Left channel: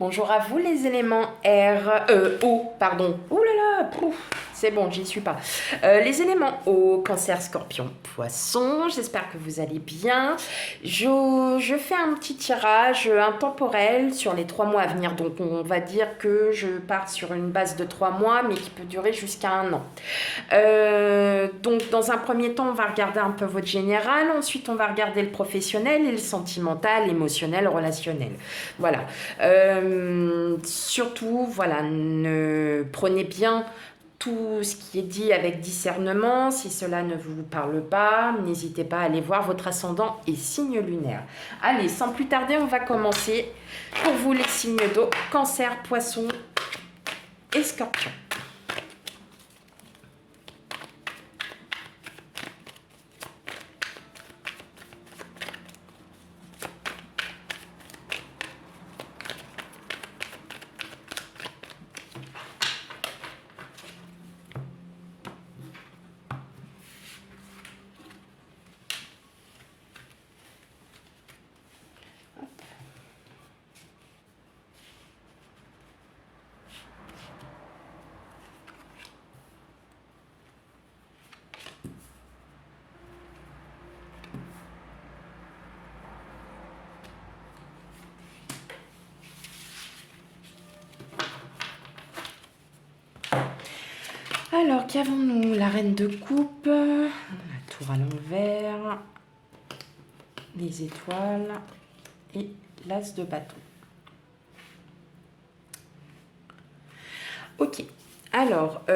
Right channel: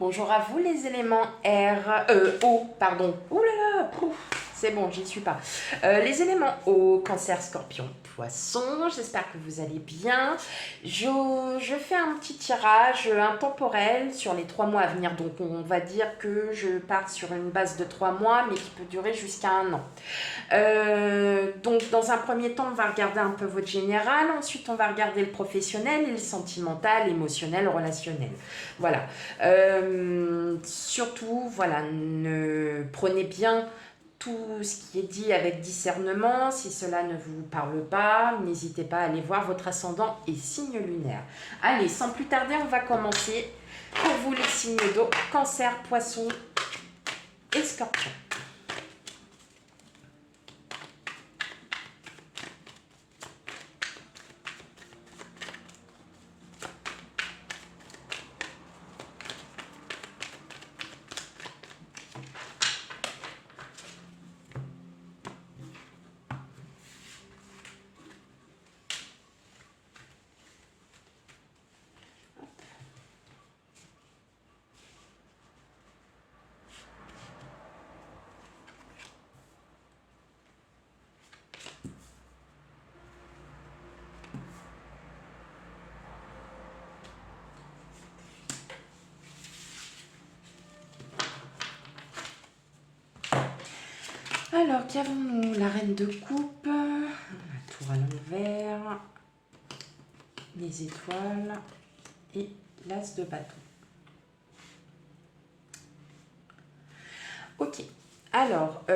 Bonjour à vous les éléments O, pardon. Ouh là là, pouf, c'est bon, j'y suis pas. Les éléments O, Cancer, Scorpion, Poisson, j'espère que vous allez bien. Je fais un petit tirage intemporel sur les 3 mois à venir, donc on va dire que je pars sur une base de 3 mois, mais qui peut durer jusqu'à un an. Donc, dans un premier temps, on va regarder un peu votre général. Ensuite, on va regarder le professionnel et le sentimental, l'émotionnel, relationnel. Voilà. Surtout, voilà, prenez bien tout ce qui est dit avec discernement. Si cela ne vous parle pas, n'hésitez pas à aller voir votre ascendant et signe lunaire. Allez, sans plus tarder, on va commencer. Pour vous, les signes d'eau, Cancer, Poisson et Scorpion. Alors, qu'avons-nous? La reine de coupe, la tour à l'envers, les étoiles et l'as de bâton. Ok, alors,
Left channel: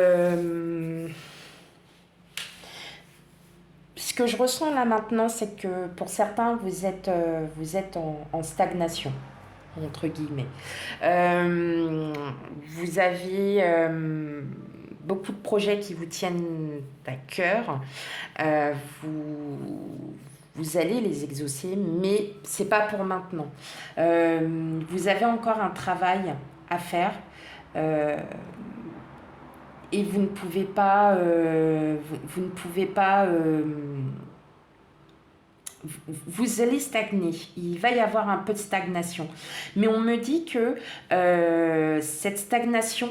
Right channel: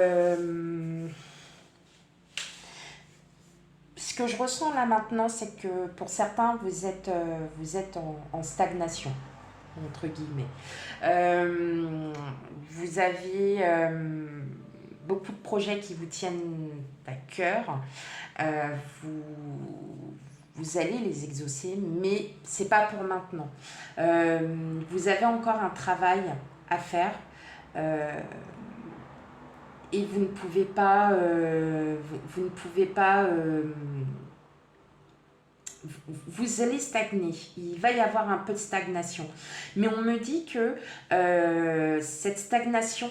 ce que je ressens là maintenant, c'est que pour certains, vous êtes en stagnation, entre guillemets. Vous avez beaucoup de projets qui vous tiennent à cœur. Euh, vous, vous allez les exaucer, mais c'est pas pour maintenant. Vous avez encore un travail à faire. euh, et vous ne pouvez pas, vous ne pouvez pas, vous allez stagner. Il va y avoir un peu de stagnation. Mais on me dit que cette stagnation,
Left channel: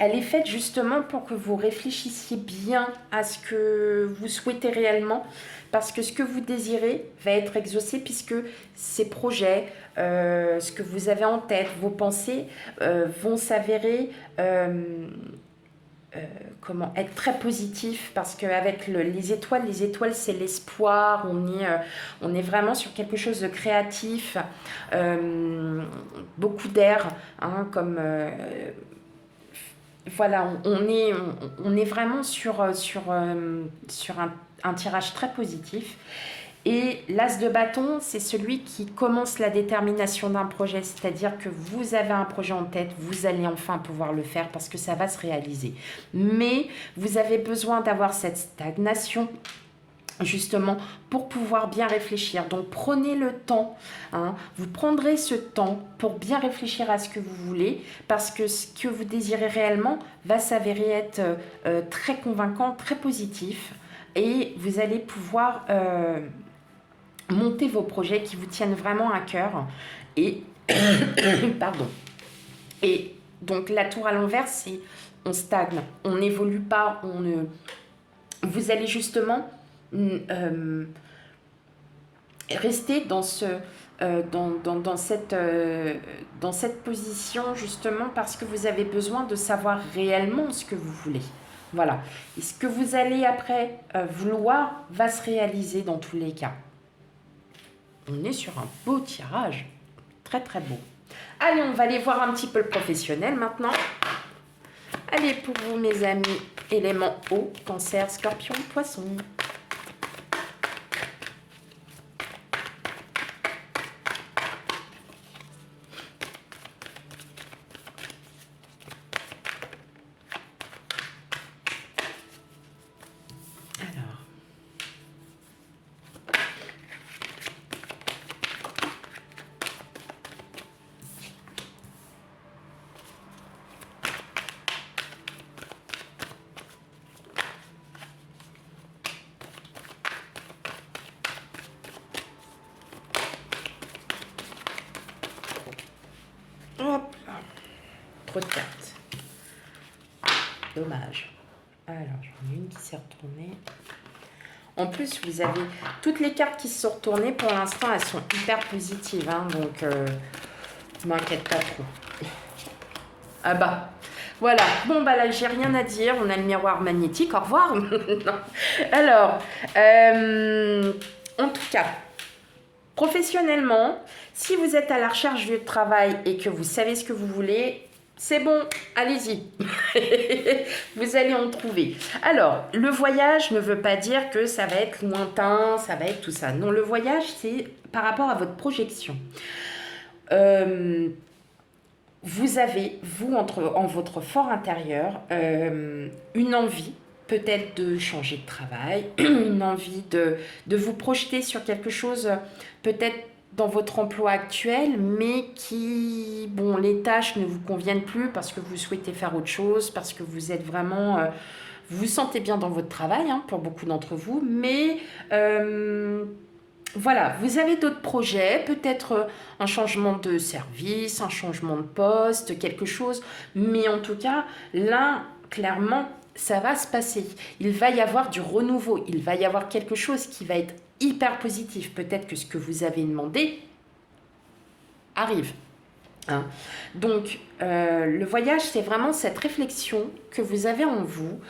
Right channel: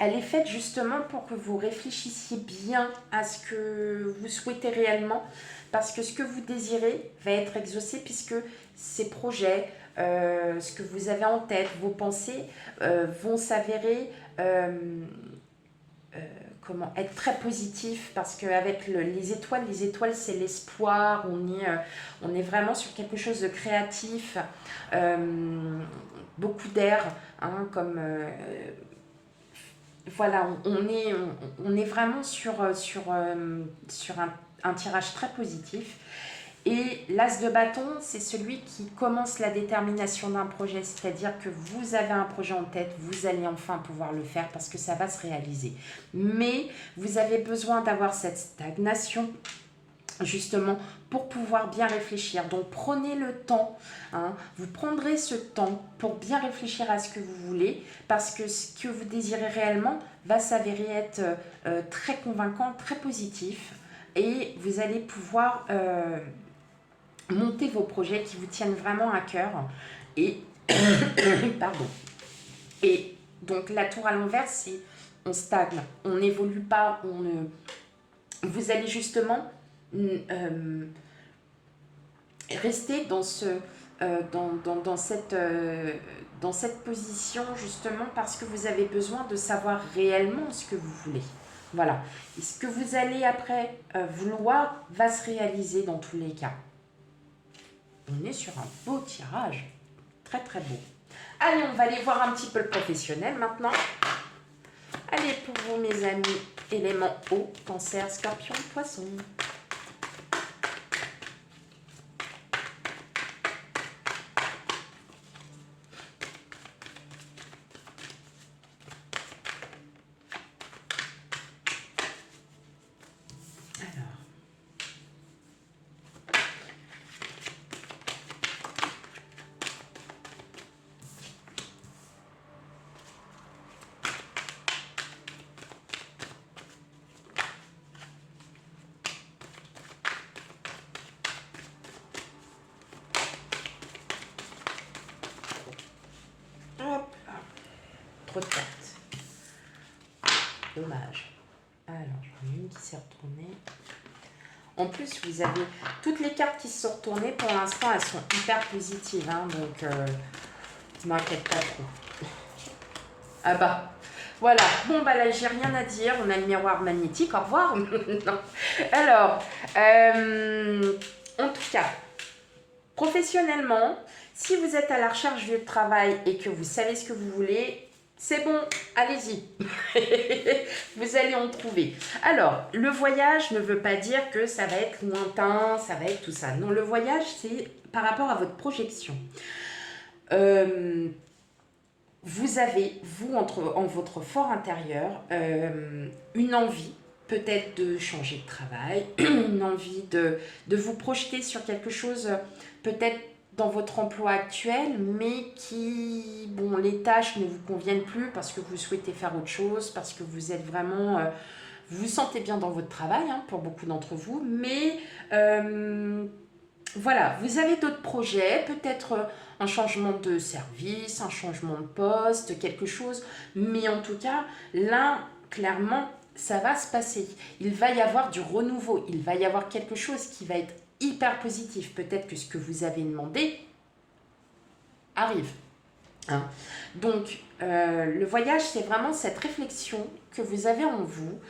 elle est faite justement pour que vous réfléchissiez bien à ce que vous souhaitez réellement, parce que ce que vous désirez va être exaucé, puisque ces projets, ce que vous avez en tête, vos pensées vont s'avérer comment être très positif, parce qu'avec les étoiles c'est l'espoir, on est vraiment sur quelque chose de créatif, beaucoup d'air, hein, comme voilà, on est vraiment sur un tirage très positif. Et l'as de bâton, c'est celui qui commence la détermination d'un projet, c'est-à-dire que vous avez un projet en tête, vous allez enfin pouvoir le faire parce que ça va se réaliser. Mais vous avez besoin d'avoir cette stagnation justement pour pouvoir bien réfléchir. Donc prenez le temps, hein, vous prendrez ce temps pour bien réfléchir à ce que vous voulez, parce que ce que vous désirez réellement va s'avérer être très convaincant, très positif, et vous allez pouvoir monter vos projets qui vous tiennent vraiment à cœur. Et pardon. Et donc la tour à l'envers, c'est on stagne, on n'évolue pas, on ne. Vous allez justement rester dans cette position justement parce que vous avez besoin de savoir réellement ce que vous voulez. Voilà. Et ce que vous allez après vouloir va se réaliser dans tous les cas. On est sur un beau tirage. Très très beau. Allez, on va aller voir un petit peu le professionnel maintenant. Allez, pour vous mes amis, éléments eau, Cancer, Scorpion, Poisson. Alors, trop de cartes. Dommage. Alors, j'en ai une qui s'est retournée. En plus, vous avez toutes les cartes qui se sont retournées. Pour l'instant, elles sont hyper positives. Hein, donc, ne m'inquiète pas trop. Ah bah, voilà. Bon, bah là, j'ai rien à dire. On a le miroir magnétique. Au revoir. Non. Alors, en tout cas, professionnellement, si vous êtes à la recherche de travail et que vous savez ce que vous voulez, c'est bon, allez-y. Vous allez en trouver. Alors, le voyage ne veut pas dire que ça va être lointain, ça va être tout ça. Non, le voyage, c'est par rapport à votre projection. Vous avez, vous, en votre fort intérieur, une envie peut-être de changer de travail, une envie de vous projeter sur quelque chose peut-être dans votre emploi actuel, mais qui, bon, les tâches ne vous conviennent plus parce que vous souhaitez faire autre chose, parce que vous êtes vraiment... vous vous sentez bien dans votre travail, hein, pour beaucoup d'entre vous, mais... voilà, vous avez d'autres projets, peut-être un changement de service, un changement de poste, quelque chose. Mais en tout cas, là, clairement, ça va se passer. Il va y avoir du renouveau. Il va y avoir quelque chose qui va être hyper positif. Peut-être que ce que vous avez demandé arrive. Hein. Donc, le voyage, c'est vraiment cette réflexion que vous avez en vous.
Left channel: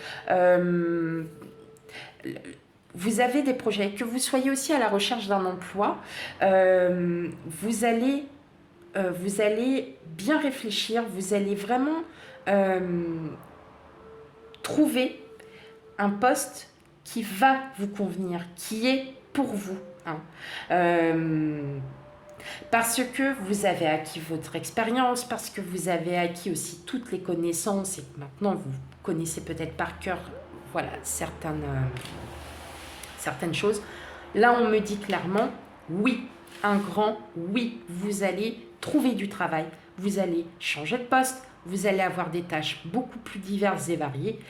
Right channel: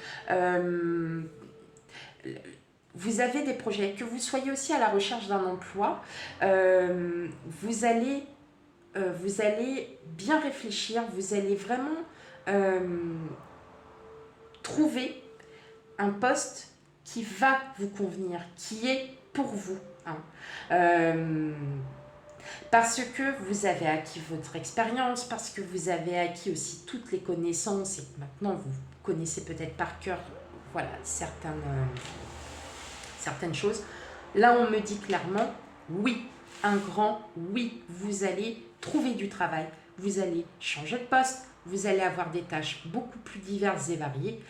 Vous avez des projets, que vous soyez aussi à la recherche d'un emploi, vous allez bien réfléchir, vous allez vraiment trouver un poste qui va vous convenir, qui est pour vous. Hein. Parce que vous avez acquis votre expérience, parce que vous avez acquis aussi toutes les connaissances et que maintenant vous connaissez peut-être par cœur, voilà, certaines choses. Là, on me dit clairement, oui, un grand oui, vous allez trouver du travail, vous allez changer de poste, vous allez avoir des tâches beaucoup plus diverses et variées.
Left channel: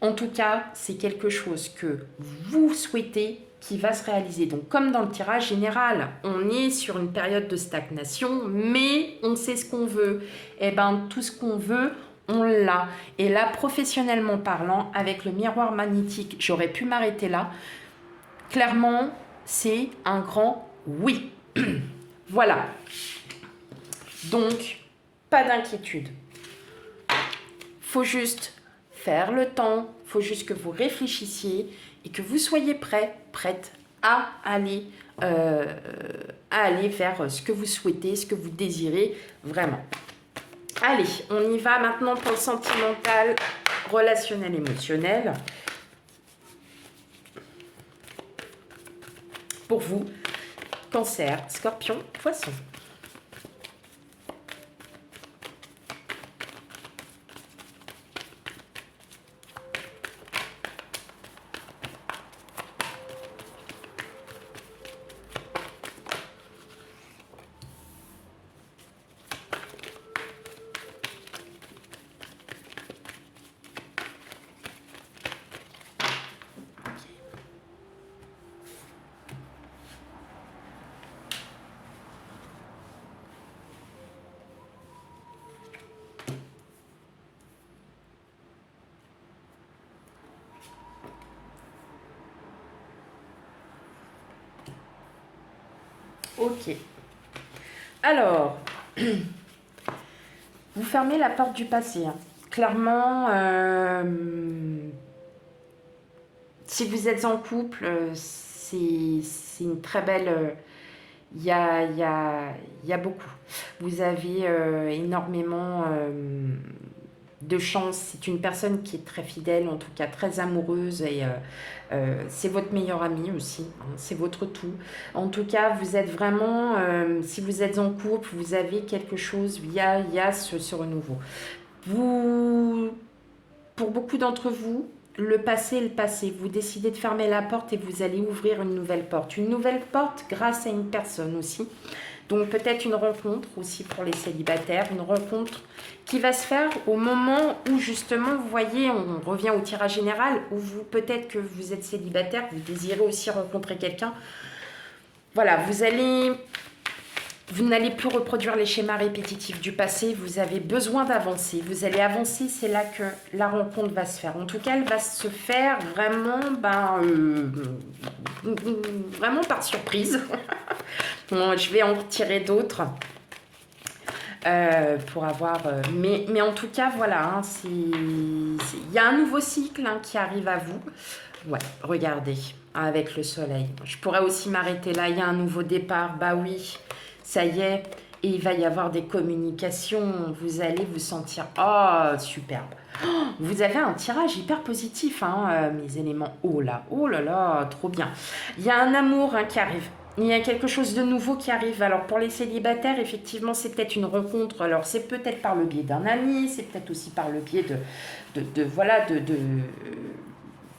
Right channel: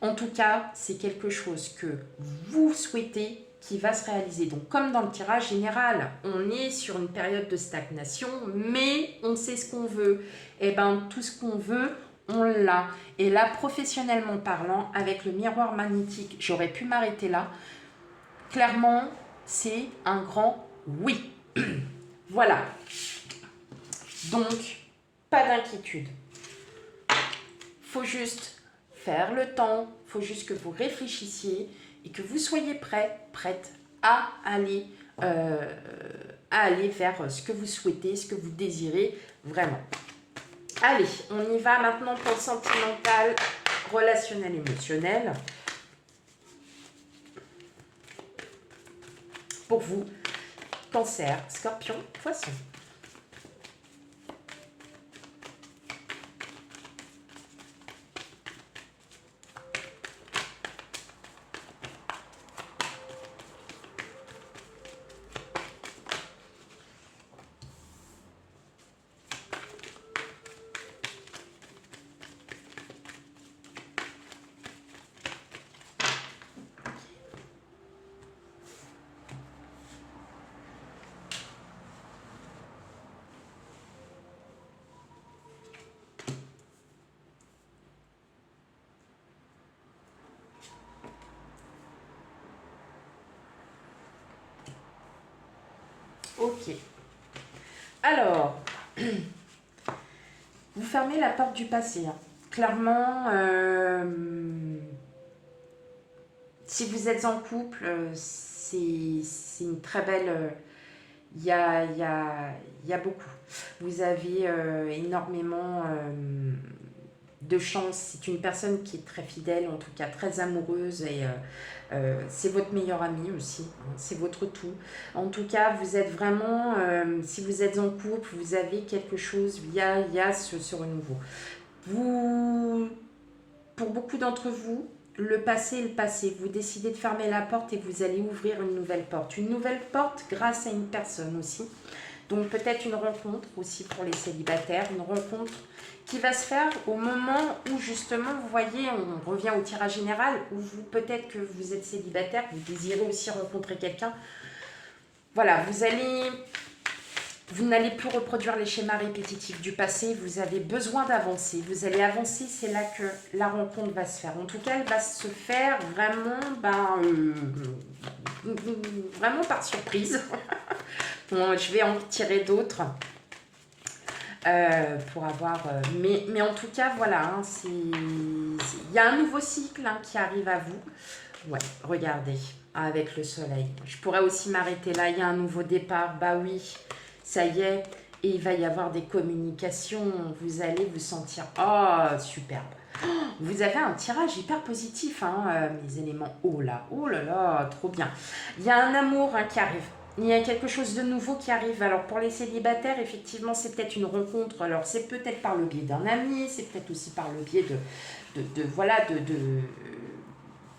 En tout cas, c'est quelque chose que vous souhaitez qui va se réaliser. Donc, comme dans le tirage général, on est sur une période de stagnation, mais on sait ce qu'on veut. Et bien, tout ce qu'on veut, on l'a. Et là, professionnellement parlant, avec le miroir magnétique, j'aurais pu m'arrêter là. Clairement, c'est un grand oui. Voilà. Donc, pas d'inquiétude. Faut juste faire le temps, faut juste que vous réfléchissiez et que vous soyez prête à aller vers ce que vous souhaitez, ce que vous désirez vraiment. Allez, on y va maintenant pour le sentimental, relationnel, émotionnel. Pour vous, Cancer, Scorpion, Poisson. Ok. Alors, vous fermez la porte du passé. Hein. Clairement, si vous êtes en couple, c'est une très belle... Il y a beaucoup. Vous avez énormément de chance. C'est une personne qui est très fidèle, en tout cas très amoureuse et c'est votre meilleur ami aussi, hein, c'est votre tout. En tout cas, vous êtes vraiment, si vous êtes en couple, vous avez quelque chose, il y a ce renouveau. Pour beaucoup d'entre vous, le passé est le passé. Vous décidez de fermer la porte et vous allez ouvrir une nouvelle porte. Une nouvelle porte grâce à une personne aussi. Donc peut-être une rencontre aussi pour les célibataires, une rencontre qui va se faire au moment où justement, vous voyez, on revient au tirage général, où vous, peut-être que vous êtes célibataire, vous désirez aussi rencontrer quelqu'un. Voilà, vous allez Vous n'allez plus reproduire les schémas répétitifs du passé, vous avez besoin d'avancer. Vous allez avancer, c'est là que la rencontre va se faire. En tout cas, elle va se faire vraiment, vraiment par surprise. Bon, je vais en tirer d'autres pour avoir... mais en tout cas, voilà, hein, il y a un nouveau cycle hein, qui arrive à vous. Ouais, regardez, avec le soleil. Je pourrais aussi m'arrêter là, il y a un nouveau départ, bah oui. Ça y est, et il va y avoir des communications. Vous allez vous sentir... Oh, superbe. Oh, vous avez un tirage hyper positif, hein, mes éléments. Oh là là, trop bien. Il y a un amour hein, qui arrive. Il y a quelque chose de nouveau qui arrive. Alors, pour les célibataires, effectivement, c'est peut-être une rencontre. Alors, c'est peut-être par le biais d'un ami, c'est peut-être aussi par le biais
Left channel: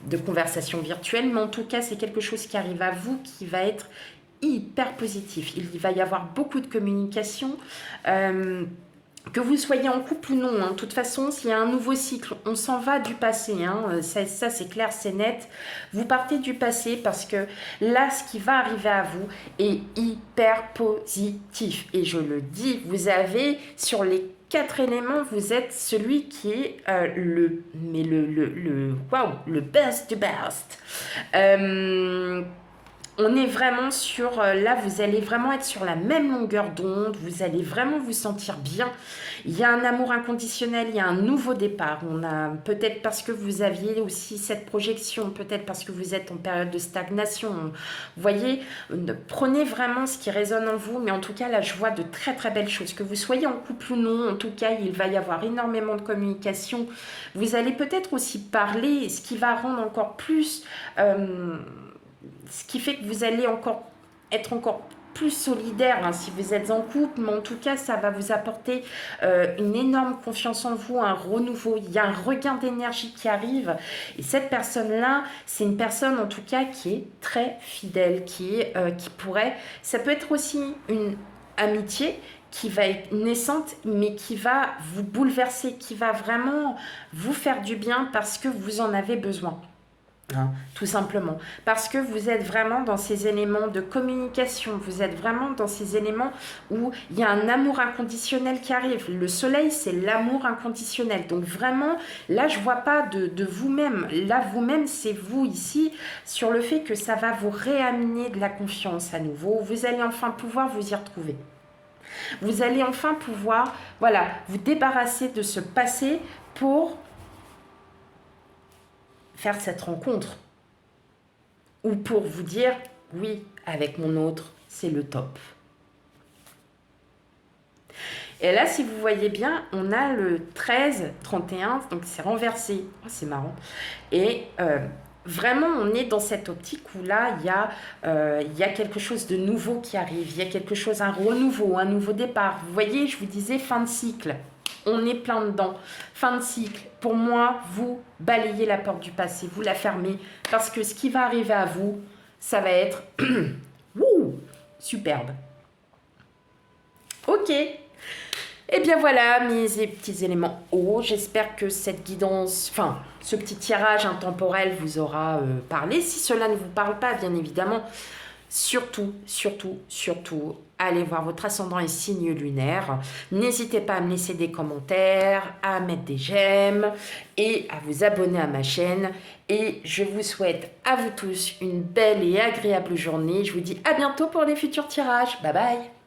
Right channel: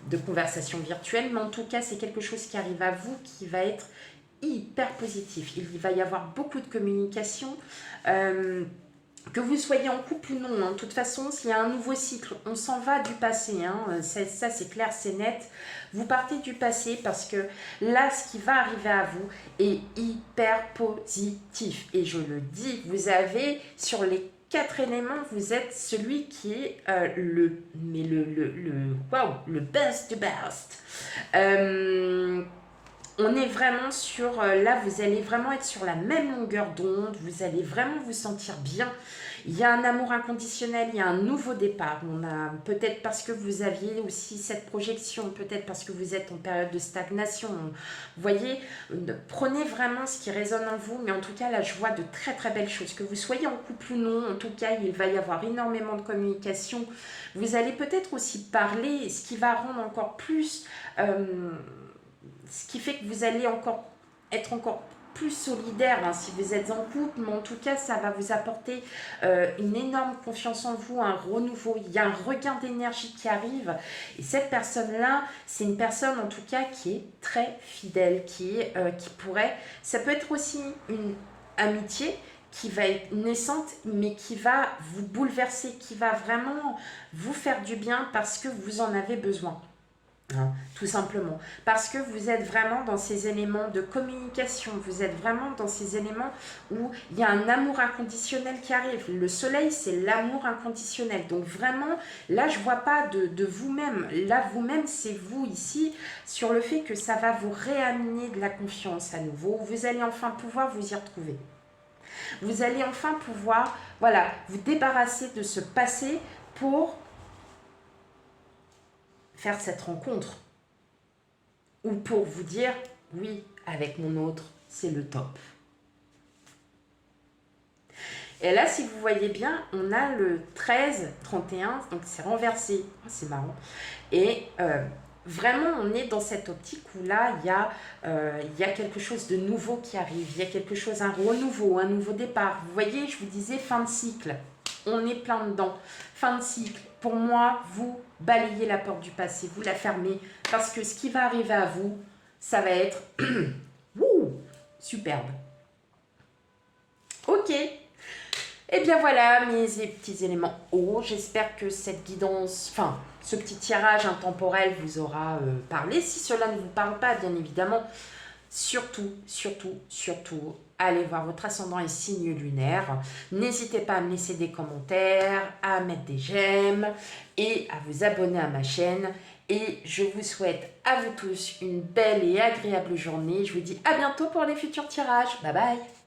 de conversations virtuelles. Mais en tout cas, c'est quelque chose qui arrive à vous qui va être hyper positif. Il va y avoir beaucoup de communication, que vous soyez en couple ou non. Hein. De toute façon, s'il y a un nouveau cycle, on s'en va du passé. Hein. Ça c'est clair, c'est net. Vous partez du passé parce que là, ce qui va arriver à vous est hyper positif. Et je le dis, vous avez sur les 4 éléments, vous êtes celui qui est le best du best. On est vraiment sur, là vous allez vraiment être sur la même longueur d'onde, vous allez vraiment vous sentir bien. Il y a un amour inconditionnel, il y a un nouveau départ. On a peut-être parce que vous aviez aussi cette projection, peut-être parce que vous êtes en période de stagnation. Vous voyez, prenez vraiment ce qui résonne en vous, mais en tout cas là je vois de très très belles choses. Que vous soyez en couple ou non, en tout cas il va y avoir énormément de communication. Vous allez peut-être aussi parler, ce qui va rendre encore plus... ce qui fait que vous allez être encore plus solidaire hein, si vous êtes en couple, mais en tout cas, ça va vous apporter une énorme confiance en vous, un renouveau. Il y a un regain d'énergie qui arrive. Et cette personne-là, c'est une personne en tout cas qui est très fidèle, qui pourrait... Ça peut être aussi une amitié qui va être naissante, mais qui va vous bouleverser, qui va vraiment vous faire du bien parce que vous en avez besoin. Hein, tout simplement. Parce que vous êtes vraiment dans ces éléments de communication, vous êtes vraiment dans ces éléments où il y a un amour inconditionnel qui arrive. Le soleil, c'est l'amour inconditionnel. Donc vraiment, là, je ne vois pas de vous-même. Là, vous-même, c'est vous ici, sur le fait que ça va vous réamener de la confiance à nouveau. Vous allez enfin pouvoir vous y retrouver. Vous allez enfin pouvoir, voilà, vous débarrasser de ce passé pour faire cette rencontre ou pour vous dire oui, avec mon autre, c'est le top. Et là, si vous voyez bien, on a le 13-31, donc c'est renversé. Oh, c'est marrant. Et vraiment, on est dans cette optique où là, il y a quelque chose de nouveau qui arrive. Il y a quelque chose, un renouveau, un nouveau départ. Vous voyez, je vous disais fin de cycle. On est plein dedans. Fin de cycle. Pour moi, vous balayez la porte du passé, vous la fermez, parce que ce qui va arriver à vous, ça va être wouh, superbe. Ok. Et bien voilà mes petits éléments hauts. J'espère que cette guidance, enfin ce petit tirage intemporel vous aura parlé. Si cela ne vous parle pas, bien évidemment, surtout, allez voir votre ascendant et signe lunaire. N'hésitez pas à me laisser des commentaires, à mettre des j'aime et à vous abonner à ma chaîne. Et je vous souhaite à vous tous une belle et agréable journée. Je vous dis à bientôt pour les futurs tirages. Bye bye.